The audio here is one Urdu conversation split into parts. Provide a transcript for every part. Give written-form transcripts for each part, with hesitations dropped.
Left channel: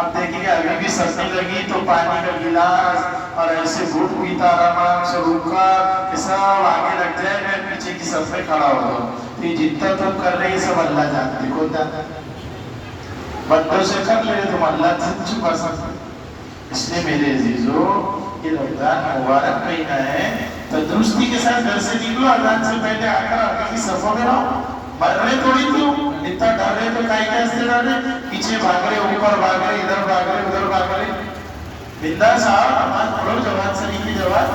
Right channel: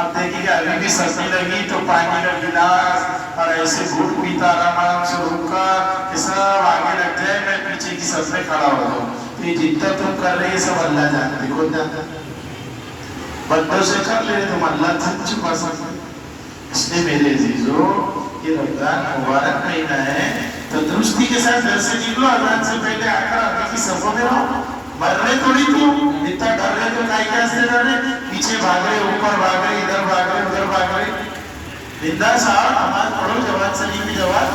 اب دیکھیں کہ ابھی بھی سردی لگی تو پانی کا گلاس اور ایسے گھوٹ پیتا آرام سے رک کر کہ سب آگے لگ جائے، میں پیچھے کی صف میں کھڑا ہو جاؤں. تو یہ جتنا تم کر رہے ہیں سب اللہ جانتے. کون جانتا؟ بندوں سے کر لے تم اللہ تک چھپا سکتے. اس لیے میرے عزیزو یہ رمضان مبارک مہینہ ہے تو درستی کے ساتھ گھر سے نکلو، اذان سے پہلے آ کر آگے کی صفوں میں رہو. مر رہے تھوڑی تو اتنا ڈر رہے تو کائی کا ہنستے ڈر رہے، پیچھے بھاگ رہے، اوپر بھاگ رہے، ادھر بھاگ رہے، ادھر بھاگ رہے. بندہ صاحب نماز پڑھو، جوان سلی کی جوان.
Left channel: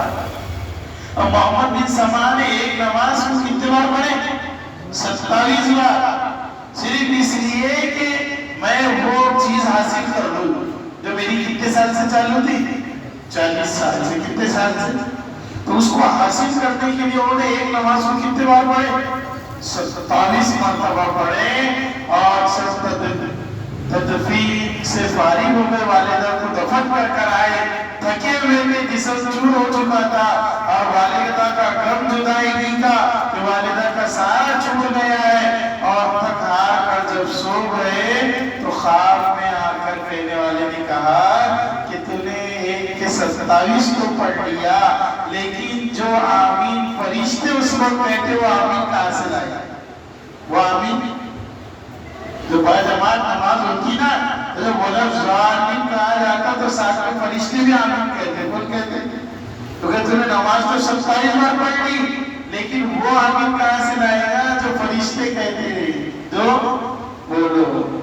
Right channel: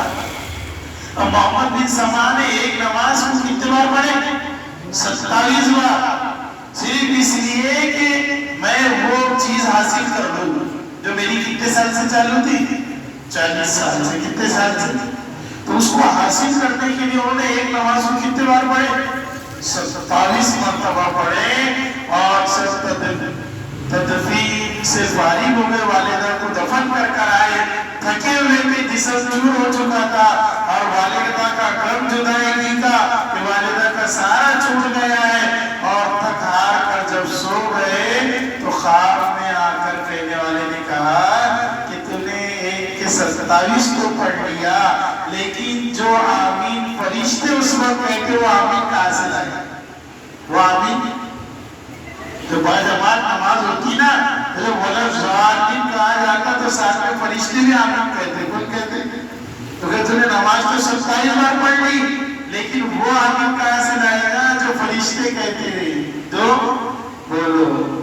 اب محمد بن سما نے ایک نماز کو کتنے بار پڑھے؟ 27 بار. صرف اس لیے کہ میں وہ چیز حاصل کر لوں جو میری کتنے سال سے چالو تھی؟ 40 سال سے. کتنے سال سے؟ تو اس کو حاصل کرنے کے لیے انہوں نے ایک نماز کو کتنے بار پڑھے؟ 27 مرتبہ پڑھے. اور سب تدفین سے فارغ ہو گئے، والدہ کو دفن کر آئے، تھکے ہوئے تھے، جسم چور ہو چکا تھا، اور والدہ کا غم جدائی کا کہ والدہ کا سارا چھوٹ گیا ہے. اور تھک ہار کر جب سو گئے تو خواب میں آ کر کہنے والے نے کہا کہ تم نے ایک کے 27 تو پڑھ لیا، لیکن جو آمین فرشتے اس وقت کہتے وہ آمین کہاں سے لائے؟ وہ آمین جو باجماعت نماز ہوتی نا، جب وہ لفظ آمین کہا جاتا تو ساتھ میں فرشتے بھی آمین کہتے. کون کہتے؟ تو کہ تم نے نماز تو 27 بار پڑھ لی، لیکن وہ آمین کہاں سے لائے گا جو فرشتے کہتے ہیں؟ جو بولو.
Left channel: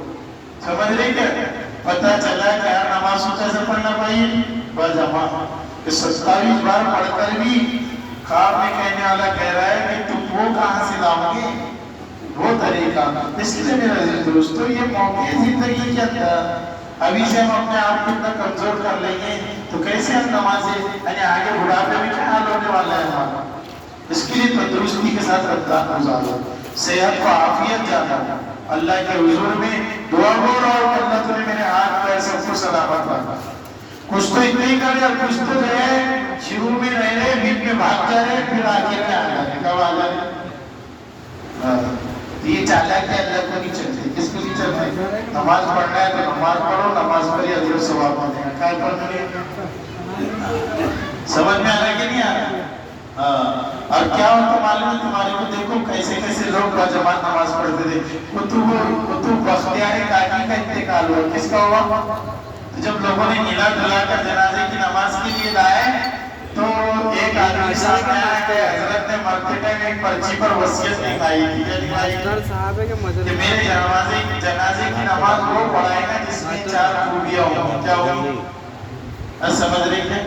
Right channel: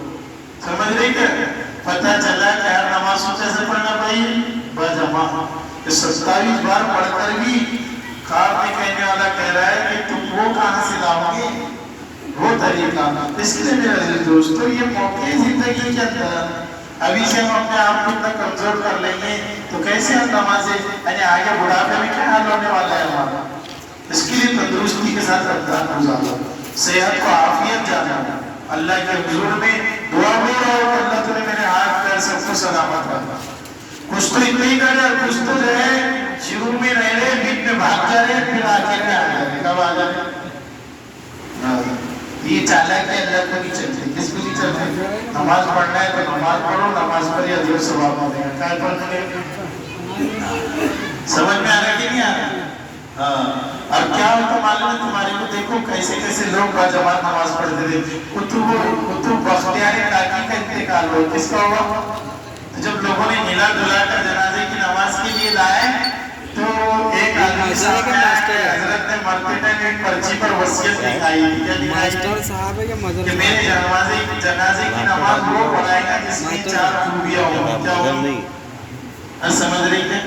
سمجھ رہی کیا؟ پتہ چلا کہ ہر نماز کو کیسے پڑھنا پڑی؟ باجماعت. 27 بار پڑھ کر بھی خواب میں کہنے والا کہہ رہا ہے کہ تم وہ کہاں سے لاؤ گے وہ طریقہ. اس لیے میرے عزیز دوستو یہ موقع زندگی کے اندر ابھی سے ہم اپنے آپ کو اتنا کمزور کر لیں گے تو کیسے ہم نمازیں، یعنی آگے بڑھاپے میں کیا حال ہونے والا ہے ہمارا. اس کے لیے تندرستی کے ساتھ رمضان گزارو، صحت کو عافیت جانا، اللہ کے حضور میں دعا ہو رہا ہو کہ اللہ تمہیں میرے ہاتھ پیر سب کو سلامت رکھا. کچھ تو اتنے ہی کرے اور کچھ تو جو ہے شروع میں رہ رہے، بیچ میں بھاگ جا رہے، پھر آگے میں آ جا رہے. کب آ جا رہے؟ یہ چالاکی اللہ کو نہیں چلتے. کس کو نہیں چلتے؟ نماز پڑھنا ہے تو نماز پڑھو، نماز پڑھی اجر و ثواب ملے گا. کیا پڑھ لے؟ سمجھ میں آ رہا کہ نہیں آ رہا؟ اور کیا ہوتا معلوم ہے تمہارے کو؟ دیکھو کیسے کیسے لوگ باجماعت نماز پڑھتے تھے. قطب بختیار کاکی کا انتقال ہوا. کس کا ہوا؟ جب لوگوں نے ملا دلا کر جنازے کی نماز کے لیے لائے تو ایک آدمی صاحب آیا کہ حضرت نے مرتے ٹائم ایک پرچی پر وصیت لکھائی تھی. کیا لکھائی؟ کہ میرے جنازے کی نماز وہ پڑھائے گا جس میں 4 خوبیاں ہوں. کیا ہوں؟ سمجھ رہی ہیں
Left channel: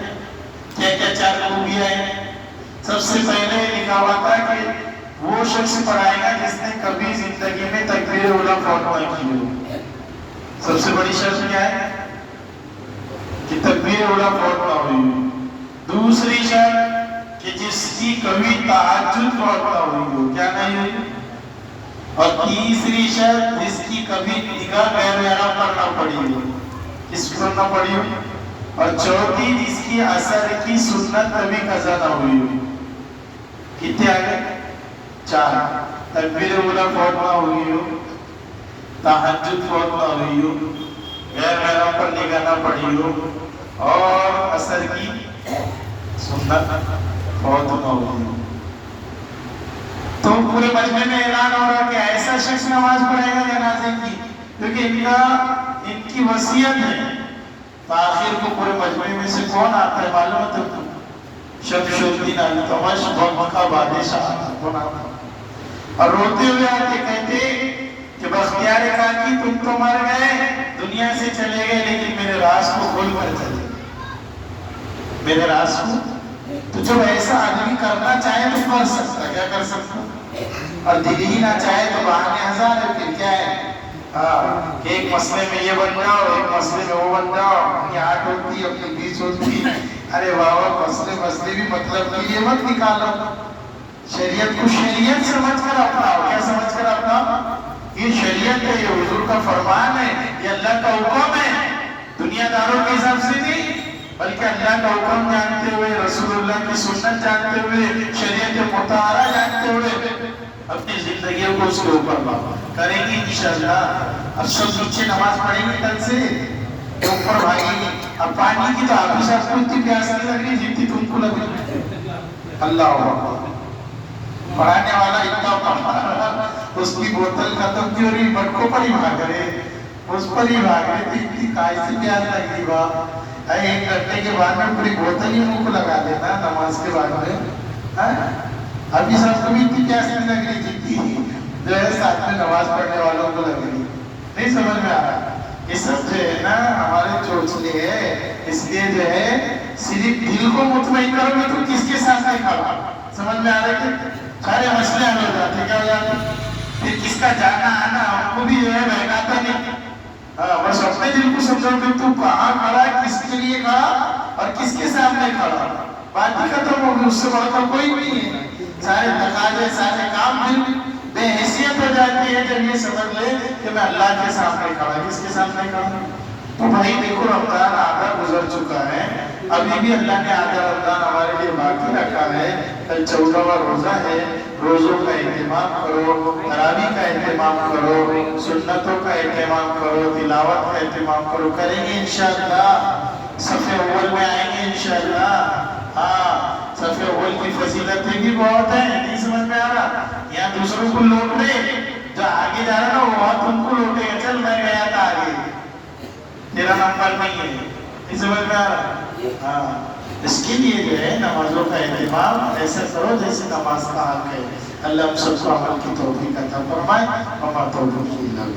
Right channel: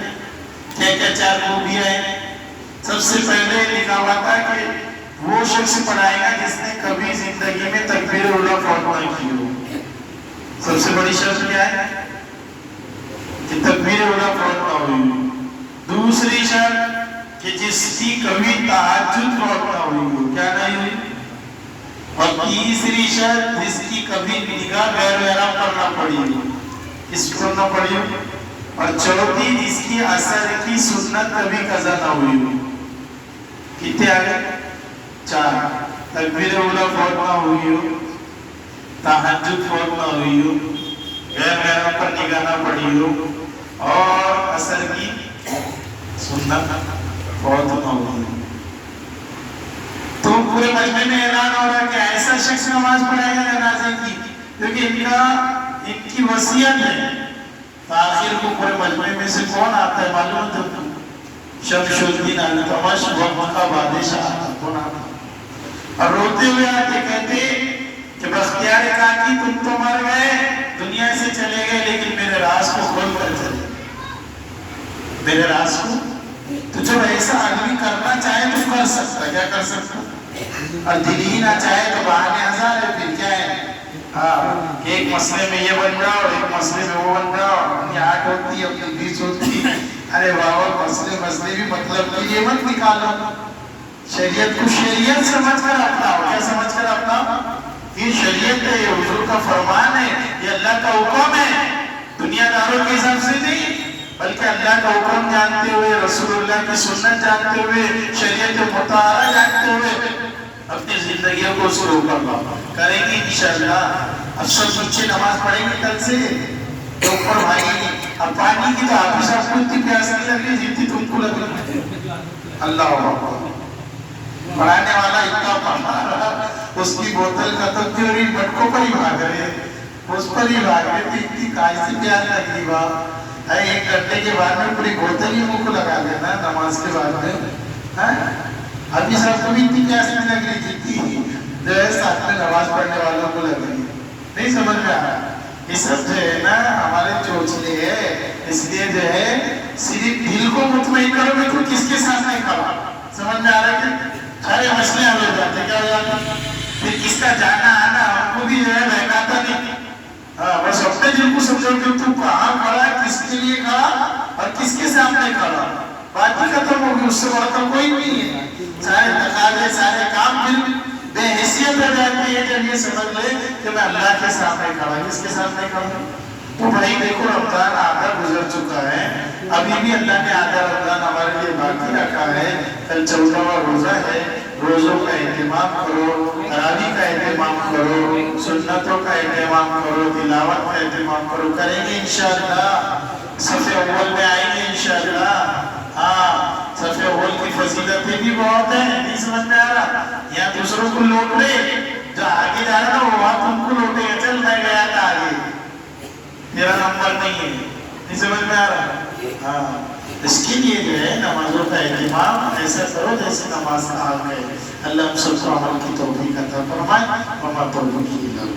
کیا کیا 4 خوبیاں ہیں؟ سب سے پہلے لکھا ہوا تھا کہ وہ شخص پڑھائے گا جس نے کبھی زندگی میں تکبیر اولیٰ فوت نہ کی ہو. سب سے بڑی شرط کیا ہے؟ کہ تکبیر اولیٰ فوت نہ ہوئی ہو. دوسری شرط کہ جس کی کبھی تہجد فوت نہ ہوئی ہو. کیا نہیں ہوئی؟ اور تیسری شرط جس کی کبھی نگاہ غیر محرم پر نہ پڑی ہو. کس پر نہ پڑی ہو؟ اور چوتھی جس کی اثر کی سنت کبھی قضا نہ ہوئی ہو. کتنے آگے؟ 4. تکبیر اولیٰ فوت نہ ہوئی ہو، تہجد فوت نہ ہوئی ہو، غیر محرم پر نگاہ نہ پڑی ہو، اور اثر کی سنت فوت نہ ہوئی ہو. تو پورے مجمع میں اعلان ہو رہا ہے کہ ایسا شخص نماز پڑھے گا جنازے کی کیونکہ ان کی وصیت ہے. تو آخر کو پورے مجمع میں سے کون آتا ہے معلوم ہے تم؟ شمس الدین التمش وقت کا بادشاہ کون آتا ہے اور روتے ہوئے آ کے کہتے کہ بختیار کاکی تم تو مر گئے، دنیا سے چلے گئے، لیکن میرے راز کو کھول کر چلے. میرے راز کو تو جب ایسا آدمی کرنا چاہے تو کر سکتا. کیا کر سکتا؟ اور دل ہی نہ چاہے تو بہانے ہزار ہے. پھر کیا ہے کہ ایک مسئلے میں یہ بن جاؤ، ایک مسئلے میں وہ بن جاؤ، اپنی 8 ہوتی اپنی 20 ہوتی. ارے بابا مسئلے بھی مطلب کی یہ مت نکالو. شریعت کو شریعت سمجھ کر اپناؤ. کیا سمجھ کر اپناؤ؟ یہ شریعت ہے، یہ حضور کا فرمان ہے، یہ اللہ کا حکم ہے. دنیا داروں کے حساب سے نہیں بلکہ اللہ کا حکم جانتے ہوئے، رسول اللہ کی سنت جانتے ہوئے، شریعت مطہرہ جانتے ہوئے اپنی زندگیوں کو اس کے اوپر کریں گے انشاءاللہ. اب سب بچے نماز پڑھیں گے کل سے تو اوپر بھائی اب پانی کی تو آپ ہی سب کو اتنی پیاس نہیں لگ رہی جتنی تم کو لگ رہی. اللہ اکبر. پڑھانے والا اتنا پڑھا اس کی بوتل ختم تھی اور یہ مٹکوں پر ہی بھاگ رہے, اس پر ہی بھاگ رہے تھے. اتنی کائسی پیار لگ رہی باپ. ایک گھنٹے کے بعد میں پوری بوتل ہی منہ کو لگا دینا نماز کے بعد میں. ابھی سب کو بھی اتنی پیاس نہیں لگ رہی جتنی جو ہے ساتھ میں نماز پڑھنے والوں کو لگ رہی. نہیں سمجھ میں آ رہا. یہ سب جو ہے نا ہمارے چوچلے ہے. اس لیے جو ہے صرف دل کو مطمئن کرو میں تو کس کے ساتھ نہیں کھڑا. سمجھ میں آ رہا ہے کہ سارے مسئلے حل ہو جاتے. کیا ہو جاتے پھر کس کا جانا آنا ہم کو بھی جو ہے بہکاتا نہیں. بس اپنے دل کو سمجھو کہ تو کہاں کھڑا ہے, کس کے لیے کھڑا اور کس کے سامنے کھڑا. بات ہی ختم ہوگی. اس سے بڑھ کر کوئی نہیں ہے. سارے تقاضے سارے کام پھر بے حیثیت ہو جاتی ہے جب یہ سمجھ لے کہ میں اللہ کے سامنے کھڑا. کس کے سامنے کھڑا. تو بھائی دیکھو رمضان آدھا گزر چکا ہے, ابھی بھی اللہ نے آدھا رمضان ہمارے لیے باقی رکھا ہے. کل 14واں روزہ ہے. روزوں کا اہتمام کرو, تراویح کا اہتمام کرو, سنتوں کا اہتمام کرو, تلاوت کا اہتمام کرو. کریں گے انشاءاللہ. صف اول میں آئیں گے انشاءاللہ. ہاں صف اول کی فضیلتیں بھی بہت ہیں. نہیں سمجھ میں آ رہا. یہاں دوسروں کو لوٹ لے, جو آگے جا رہا نا وہ وہاں تم کو لوٹے گا. چل میں گیا تھا آگے, تیرا نمبر نہیں ہے. نہیں سمجھ میں آ رہا. ہاں اس کے لیے جو ہے نمازوں کا اہتمام ایسا کرو جیسے نماز کا حق ہے. اللہ ہم سب کو عمل کی توفیق عطا فرمائے. ہمارا توفیق